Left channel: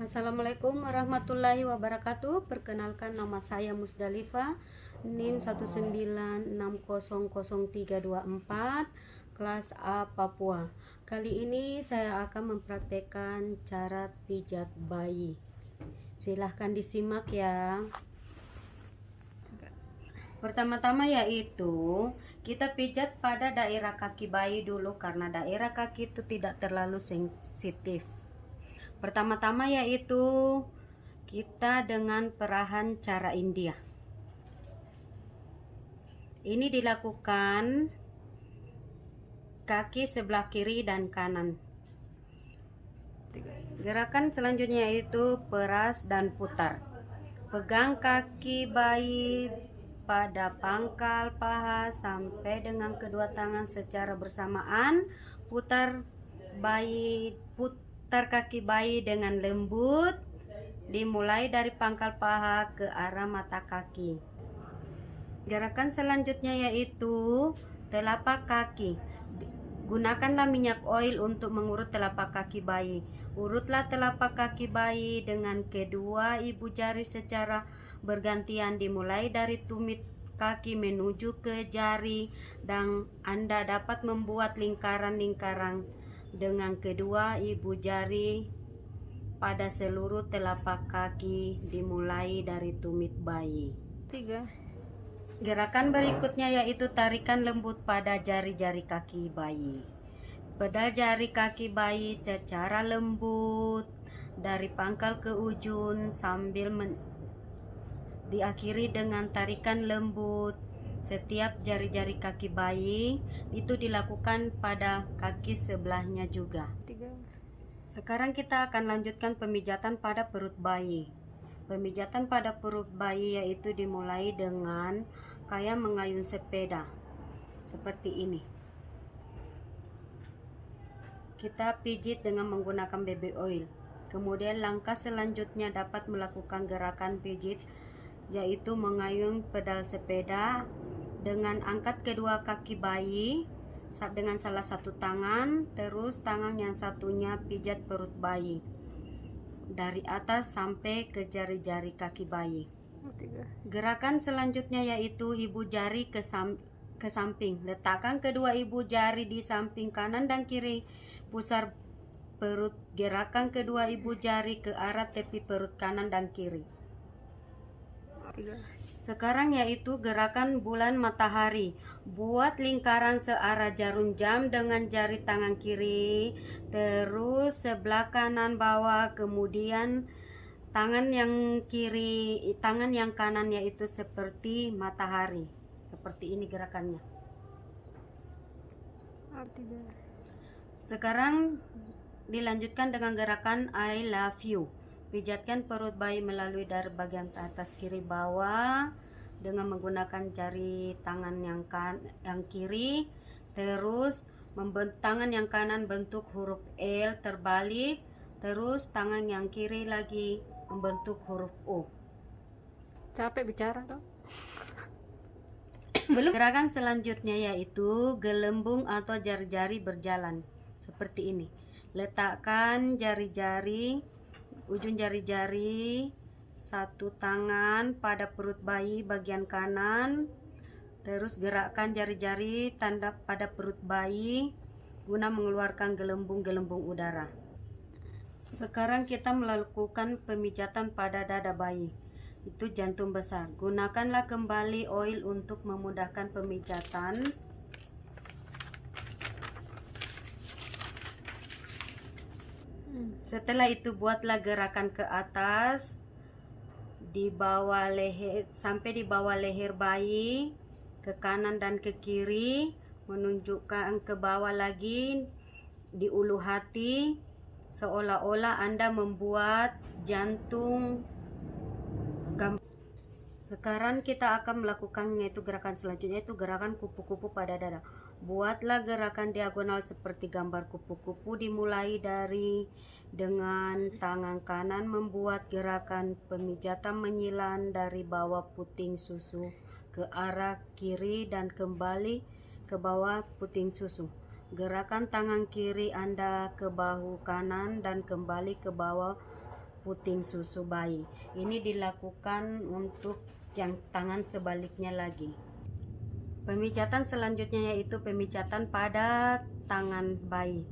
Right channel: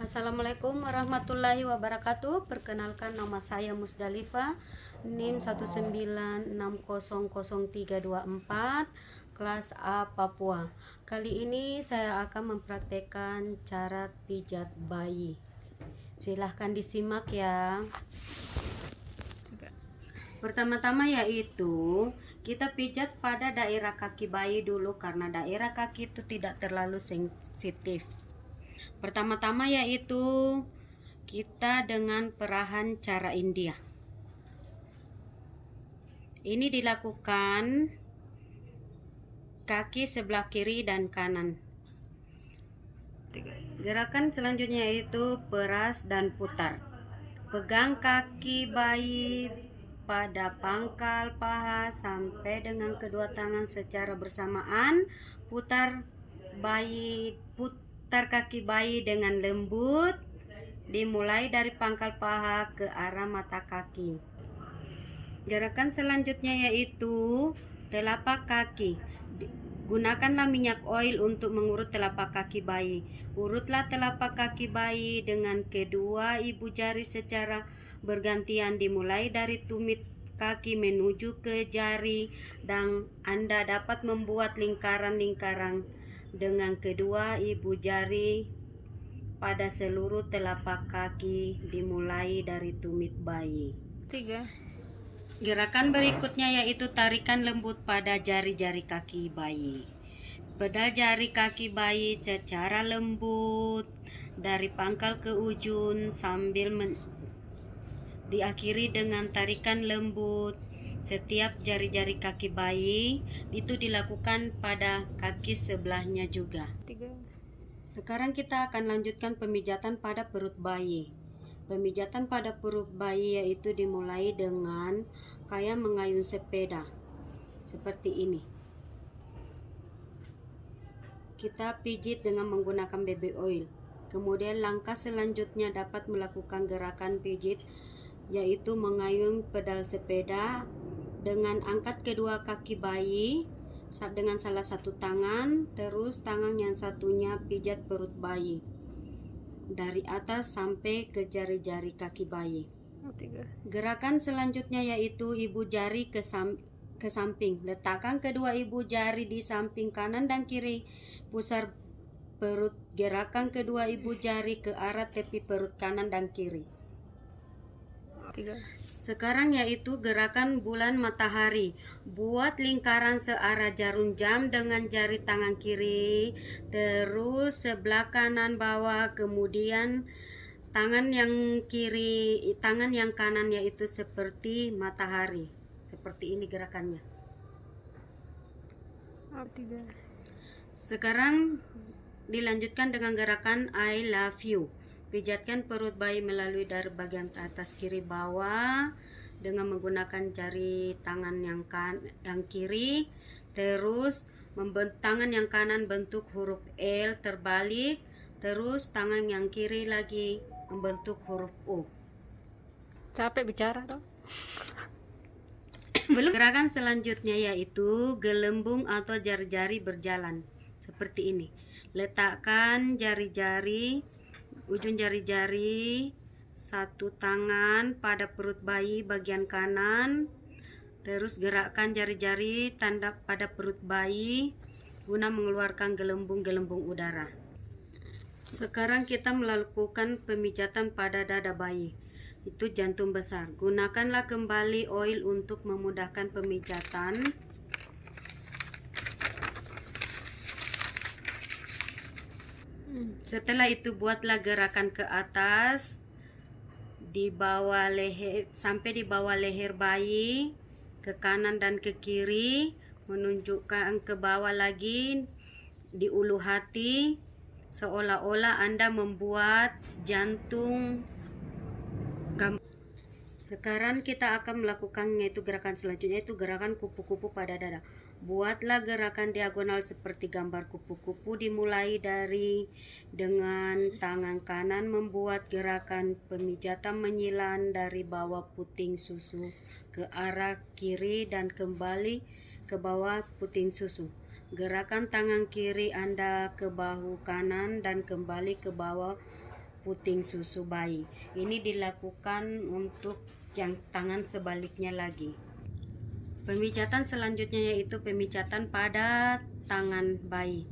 Assalamualaikum warahmatullahi wabarakatuh. Perkenalkan, nama saya Musdalifah, NIM 196000324, kelas A Papua. Kali ini saya akan mempraktekkan cara pijat bayi. Silahkan disimak ya. Pertama-tama yaitu kita pijat pada daerah kaki bayi dulu, karena daerah kaki itu tidak terlalu sensitif. Pertama-tama yaitu kita dengan perahan cara India. Ini dilakukan kaki sebelah kiri dan kanan. Gerakan selanjutnya yaitu peras dan putar. Pegang kaki bayi pada pangkal paha sampai dengan kedua tangan secara bersamaan. Putar kaki bayi dengan lembut, dimulai dari pangkal paha ke arah mata kaki. Gerakan selanjutnya yaitu telapak kaki. Gunakanlah minyak oil untuk mengurut telapak kaki bayi. Urutlah telapak kaki bayi dengan kedua ibu jari secara bergantian, dimulai dari tumit kaki menuju ke jari, dan Anda dapat membuat lingkaran-lingkaran dengan kedua ibu jari pada seluruh telapak kaki, dimulai dari tumit bayi. 3. Gerakan berikutnya yaitu tarikan lembut pada jari-jari kaki bayi. Pedal jari kaki bayi secara lembut dari pangkal ke ujung sambil diakhiri dengan tarikan lembut. Setiap jari-jari kaki bayi itu dilakukan pada kaki sebelahnya juga. 3. Sekarang kita akan lanjutkan pemijatan pada perut bayi. Pemijatan pada perut bayi yaitu dimulai dengan kayak mengayun sepeda seperti ini. Kita pijit dengan menggunakan baby oil. Kemudian langkah selanjutnya dapat melakukan gerakan pijit yaitu mengayun pedal sepeda dengan angkat kedua kaki bayi dengan salah satu tangan, terus tangan yang satunya pijat perut bayi dari atas sampai ke jari-jari kaki bayi. 3. Gerakan selanjutnya yaitu ibu jari ke samping. Letakkan kedua ibu jari di samping kanan dan kiri. Pusar perut. Gerakan kedua ibu jari ke arah tepi perut kanan dan kiri. 3. Sekarang yaitu gerakan bulan matahari. Buat lingkaran searah jarum jam dengan jari tangan kiri, terus sebelah kanan bawah, kemudian tangan yang kanan yaitu seperti matahari. Seperti ini gerakannya. 3. Sekarang dilanjutkan dengan gerakan I love you. Pijatkan perut bayi melalui dari bagian atas kiri bawah dengan menggunakan jari tangan yang kiri, terus tangan yang kanan bentuk huruf L terbalik, terus tangan yang kiri lagi membentuk huruf U. Capek bicara toh? Belum. Gerakan selanjutnya yaitu gelembung atau jari-jari berjalan seperti ini. Letakkan ujung jari-jari satu tangan pada perut bayi bagian kanan, terus gerakkan jari-jari tanda pada perut bayi guna mengeluarkan gelembung-gelembung udara. Sekarang kita melakukan pemijatan pada dada bayi, itu jantung besar. Gunakanlah kembali oil untuk memudahkan pemijatan. Setelah itu buatlah gerakan ke atas di bawah leher sampai di bawah leher bayi, ke kanan dan ke kiri, menunjukkan ke bawah lagi di ulu hati, seolah-olah Anda membuat jantung. Sekarang kita akan melakukan yaitu gerakan selanjutnya, yaitu gerakan kupu-kupu pada dada. Buatlah gerakan diagonal seperti gambar kupu-kupu, dimulai dari dengan tangan kanan membuat gerakan pemijatan menyilang dari bawah puting susu ke arah kiri dan kembali ke bawah puting susu. Gerakan tangan kiri Anda ke bahu kanan dan kembali ke bawah puting susu bayi. Ini dilakukan untuk yang tangan sebaliknya lagi. Pemijatan selanjutnya yaitu pemijatan pada tangan bayi.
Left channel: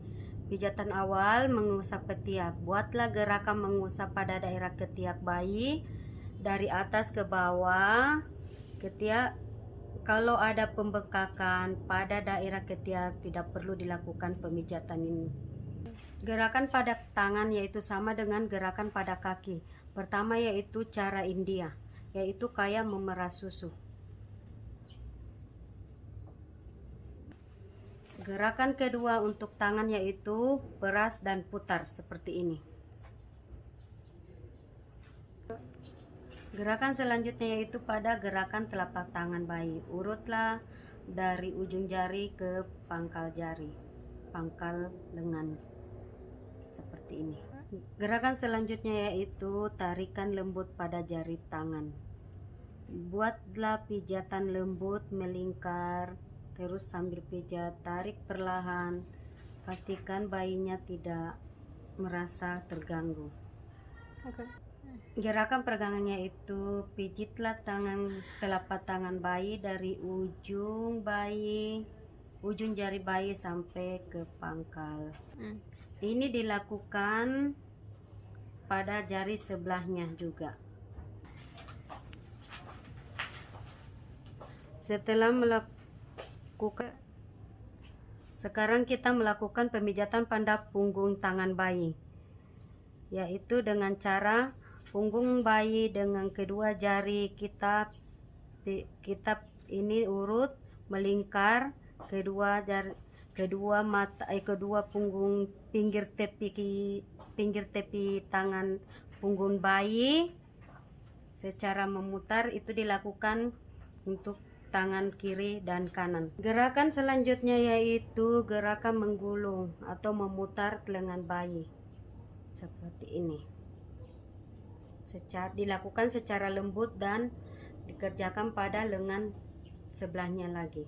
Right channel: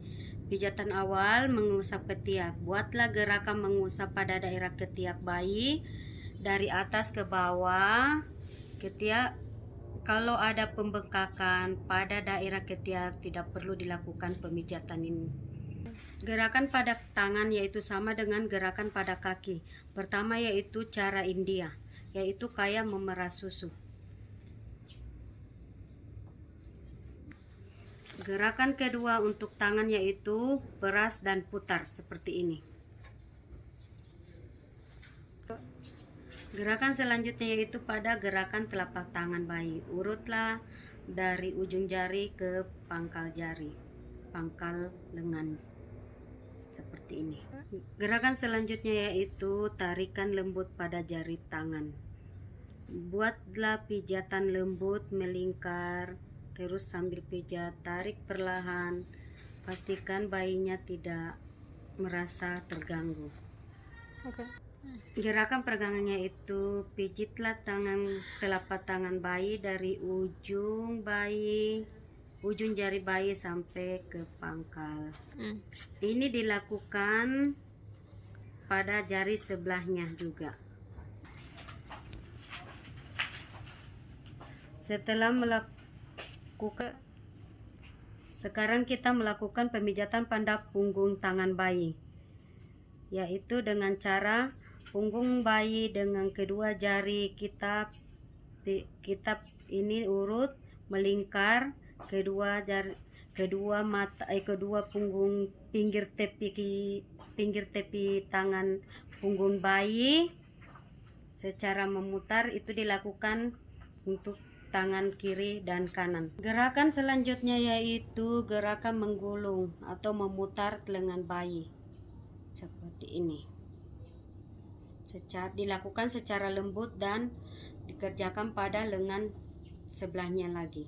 Pijatan awal mengusap ketiak. Buatlah gerakan mengusap pada daerah ketiak bayi dari atas ke bawah. Ketiak, kalau ada pembengkakan pada daerah ketiak tidak perlu dilakukan pemijatan ini. Gerakan pada tangan yaitu sama dengan gerakan pada kaki. Pertama yaitu cara India, yaitu kayak memerah susu. Gerakan kedua untuk tangan yaitu peras dan putar seperti ini. Gerakan selanjutnya yaitu pada gerakan telapak tangan bayi. Urutlah dari ujung jari ke pangkal jari, pangkal lengan seperti ini. Gerakan selanjutnya yaitu tarikan lembut pada jari tangan. Buatlah pijatan lembut melingkar. Terus sambil pijat, tarik perlahan, pastikan bayinya tidak merasa terganggu. Oke. Gerakan peregangannya itu pijitlah telapak tangan bayi dari ujung jari bayi sampai ke pangkal. Ini dilakukan pada jari sebelahnya juga. Setelah sekarang kita melakukan pemijatan pada punggung tangan bayi, yaitu dengan cara punggung bayi dengan kedua jari kita ini urut melingkar kedua punggung pinggir tepi tangan punggung bayi secara memutar. Itu dilakukan untuk tangan kiri dan kanan. Gerakan selanjutnya yaitu gerakan menggulung atau memutar lengan bayi seperti ini. Dilakukan secara lembut dan dikerjakan pada lengan sebelahnya lagi.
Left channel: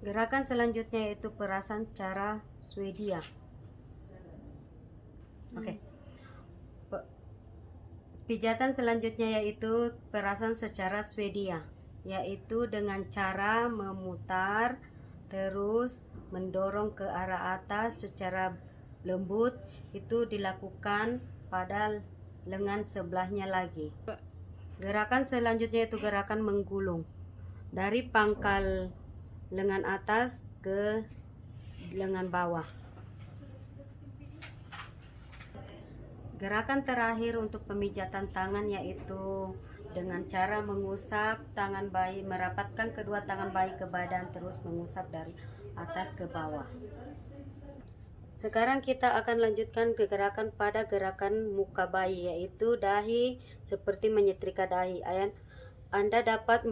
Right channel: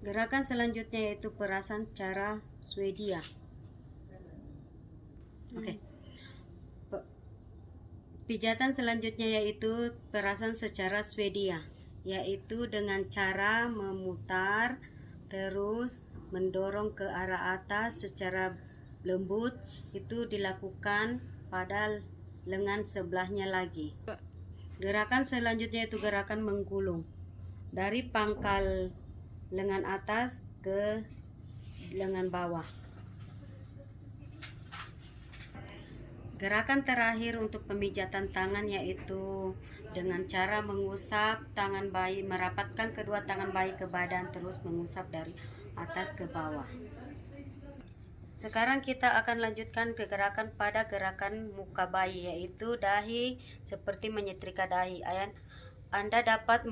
Gerakan selanjutnya yaitu perasan cara Swedia. Oke. Pijatan selanjutnya yaitu perasan secara Swedia, yaitu dengan cara memutar terus mendorong ke arah atas secara lembut. Itu dilakukan pada lengan sebelahnya lagi. Gerakan selanjutnya yaitu gerakan menggulung dari pangkal lengan atas ke lengan bawah. Gerakan terakhir untuk pemijatan tangan yaitu dengan cara mengusap tangan bayi, merapatkan kedua tangan bayi ke badan terus mengusap dari atas ke bawah. Sekarang kita akan lanjutkan ke gerakan pada gerakan muka bayi, yaitu dahi seperti menyetrika dahi. Anda dapat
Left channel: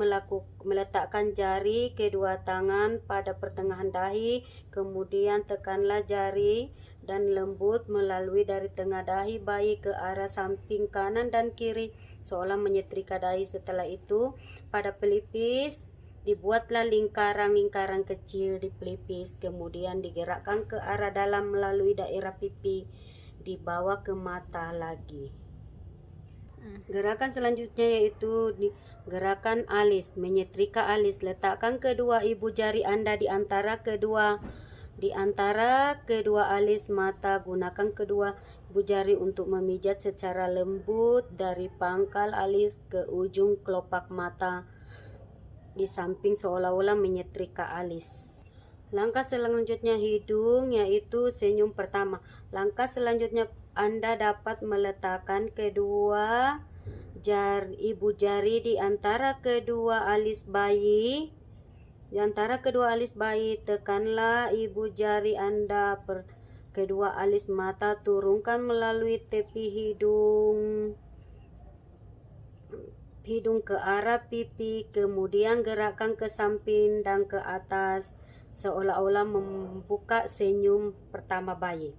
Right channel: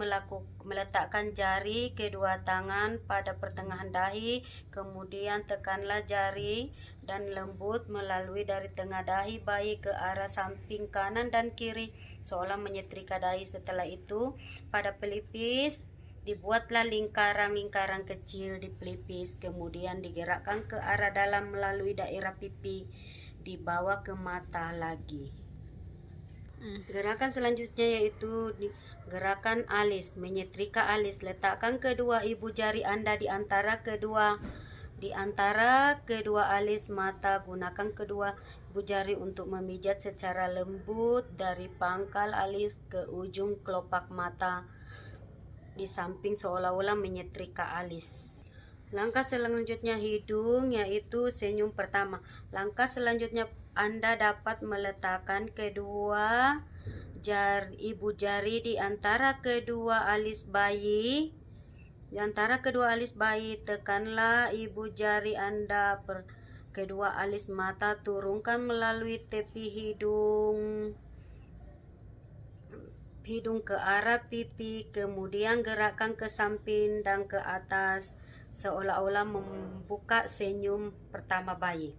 meletakkan jari kedua tangan pada pertengahan dahi, kemudian tekanlah jari dan lembut melalui dari tengah dahi bayi ke arah samping kanan dan kiri seolah menyetrika dahi. Setelah itu pada pelipis dibuatlah lingkaran-lingkaran kecil di pelipis, kemudian digerakkan ke arah dalam melalui daerah pipi, dibawa ke mata lagi. Gerakan selanjutnya yaitu gerakan alis, menyetrika alis. Letakkan kedua ibu jari Anda di antara kedua alis mata. Gunakan kedua ibu jari untuk memijat secara lembut dari pangkal alis ke ujung kelopak mata di samping seolah-olah menyetrika alis. Langkah selanjutnya hidung, yaitu senyum pertama. Langkah selanjutnya Anda dapat meletakkan kedua ibu jari di antara kedua alis bayi. Di antara kedua alis bayi, tekanlah ibu jari Anda kedua alis mata, turunkan melalui tepi hidung ke arah pipi, kemudian gerakkan ke samping dan ke atas seolah-olah membuka senyum pertama bayi.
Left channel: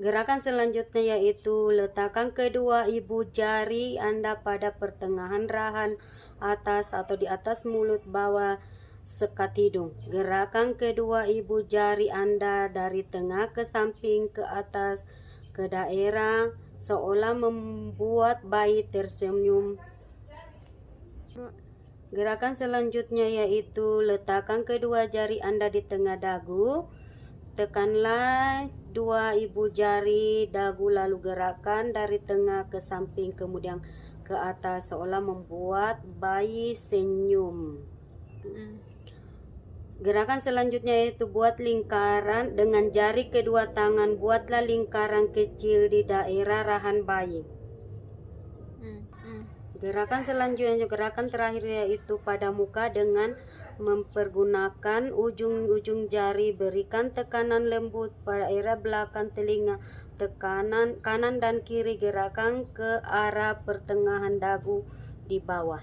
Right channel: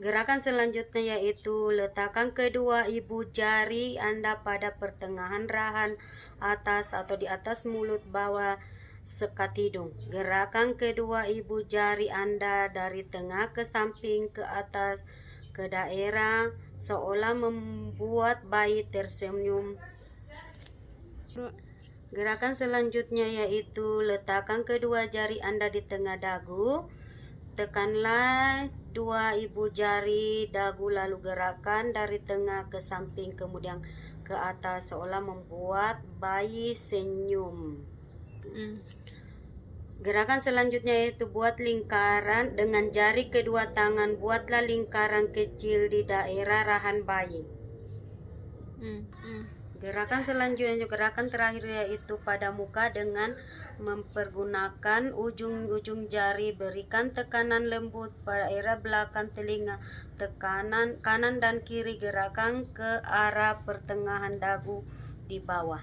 Gerakan selanjutnya yaitu letakkan kedua ibu jari Anda pada pertengahan rahan atas atau di atas mulut bawah sekat hidung. Gerakan kedua ibu jari Anda dari tengah ke samping ke atas ke daerah seolah membuat bayi tersenyum. Gerakan selanjutnya yaitu letakkan kedua jari Anda di tengah dagu. Tekanlah dua ibu jari dagu lalu gerakan dari tengah ke samping kemudian ke atas seolah membuat bayi senyum. Gerakan selanjutnya yaitu buat lingkaran dengan jari kedua tangan. Buatlah lingkaran kecil di daerah rahang bayi. Gerakan selanjutnya, gerakan terakhir yaitu pada muka dengan mempergunakan ujung-ujung jari. Berikan tekanan lembut pada daerah belakang telinga, tekanan kanan dan kiri, gerakan ke arah pertengahan dagu di bawah.